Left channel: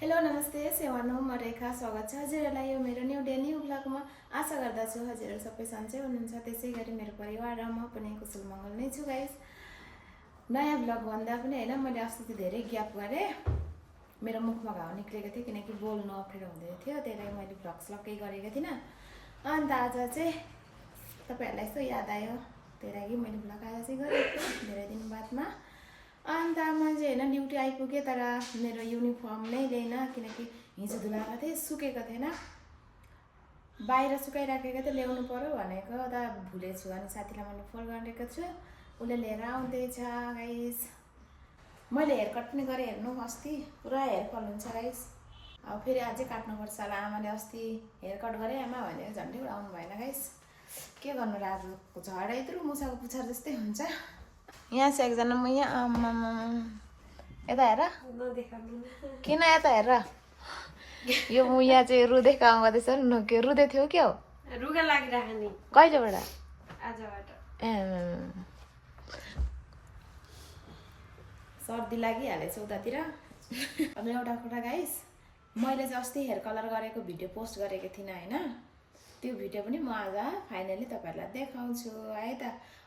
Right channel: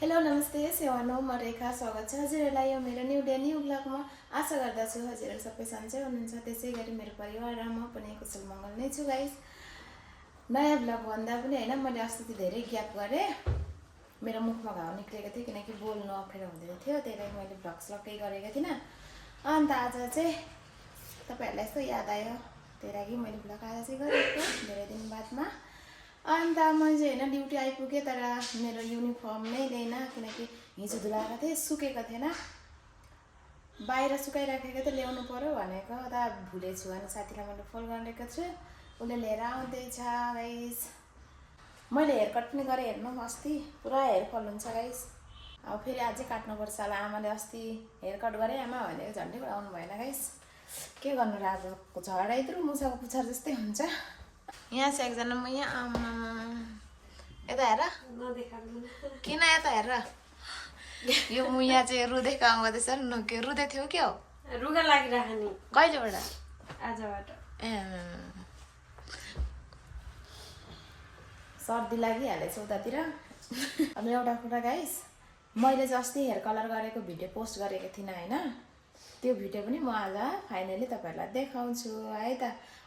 Hello नमस्ते सेवानो म रेखा स्वागत छ हजुरहरूलाई यो मेरो न्यू डे न्यू ब्लगमा आशा गर्दछु हजुरहरू सबै सन्चै हुनुहुन्छ त्यसै गरी मेरो परिवार र म पनि कुशल मङ्गल नै छु गाइस। नयाँ ब्लग भन्दा पनि हैन मैले अस्ति धेरै ग्याप गरेँ मेरो मुखमा घाउ निक्लेको थियो किनकि बोल्नु अप्ठ्यारो हुँदै थियो त्यही लागि मैले भ्लग केही गरेको थिइनँ। अन्त आज चाहिँ तपाईहरुलाई यस्तो याद आयो त्यही लागि मैले भ्लग आज चाहिँ गरेको धेरै दिन बादमा। अन्त म चाहिँ हैन ड्युटी आइपुगेँ तर मेरो युनिफर्म नै ल्याइन किनकि हिजो धुलाएको थिएँ सुकेको थिएन बाहिर सुकाइराखेको थिएँ ल्याउनु पर्यो भनेको त भुलेछु अनि साथीलाई मैले फोन गरेको छु उसले लिएर आउँदैछ गाइस। मैले हेयर कट पनि गरेँ हेर्नु अस्ति पुरा हेयर फल हुन्छ गाइस। अब फेरि अझै काट्नुपर्छ होला आमाले अस्ति हेयर कट गरेँ आमा भनेको झन्डै आउनु भएन गाइस। के गर्नु र आज झडाइत्रु मुसाको पुछार जस्तै हुन्छ। यहाँ चाहिँ एकजना म यहाँ आमा यता हेर किन यता हेर यो म यहाँ चाहिँ रुँदै काम गर्दैछ के रुँदै थियो क्या हो रुगा लागिराख्ने कहिलेबाट आजबाट सर्दी लागिहालेछ उतातिर। अब एउटा कुरा गाइस मैले चाहिँ अस्ति हेयर कलर गरेको भिडियो पोस्ट गरेको थिइनँ हैन त्यो भिडियो पनि म आज फाइनली तपाईहरुलाई देखाउँछु है त।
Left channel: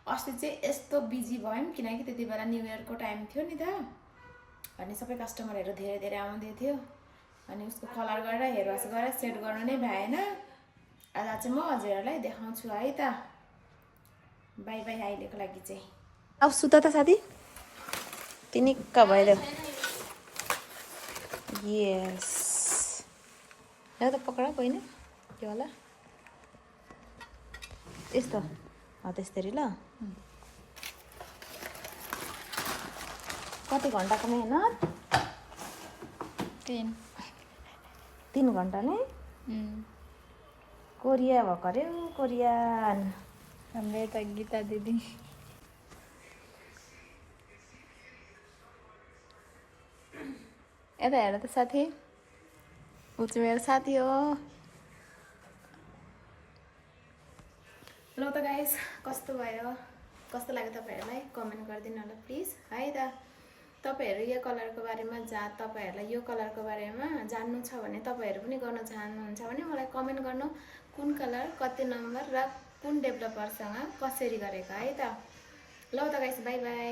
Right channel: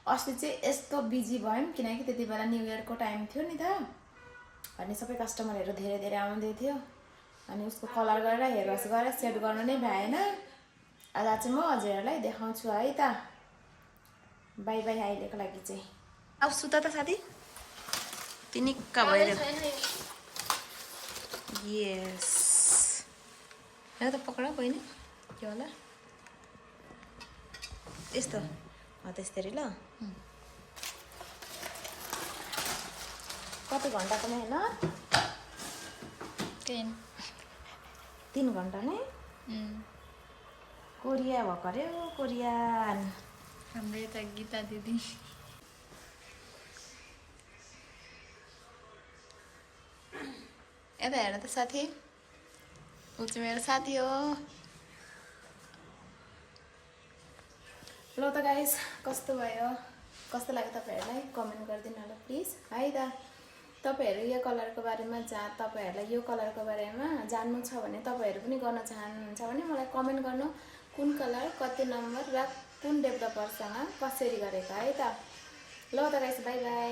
अस्ति चाहिँ यस्तो बिजी भयौँ किनकि त्यति बेला न्यू इयरको टाइम थियो नि त अनि सबै कस्टमरहरू धेरै आउँदै थियो अनि उसको कलर गरेर हेयर वास गरेर सेट गर्नु नै भएन। आज चाहिँ म हजुरहरूलाई देखाउँछु है त। बाइ बाइ अहिलेको लागि चाहिँ। अब सुत त साथी तिनिक्क भएर यस ल त पक्रा बहिनी के होला यस्तो हो त्यसरी ल कति घन्टाको मेहनत 3 घन्टा नि कोरिया भएको अरे कोरियन हाम्रो यता गीता दिदी यता हेर त साथी ऊ चाहिँ मेरो साथी हो। ल त गाइस कस्तो भयो कस्तो लाग्यो तपाईहरुलाई कमेन्ट गरिदिनु होला प्लिज है त। तपाईहरु यो कलरको बारेमा तपाईहरुलाई यो कलरको बारेमा जान्नु छ भने तपाईहरु पनि गर्न चाहनुहुन्छ भने मलाई कमेन्ट गर्नु कुन कलर कति नम्बर र कुन डेभलपरसँग कसरी गरेको है त। ल त गाइस बाइ बाइ।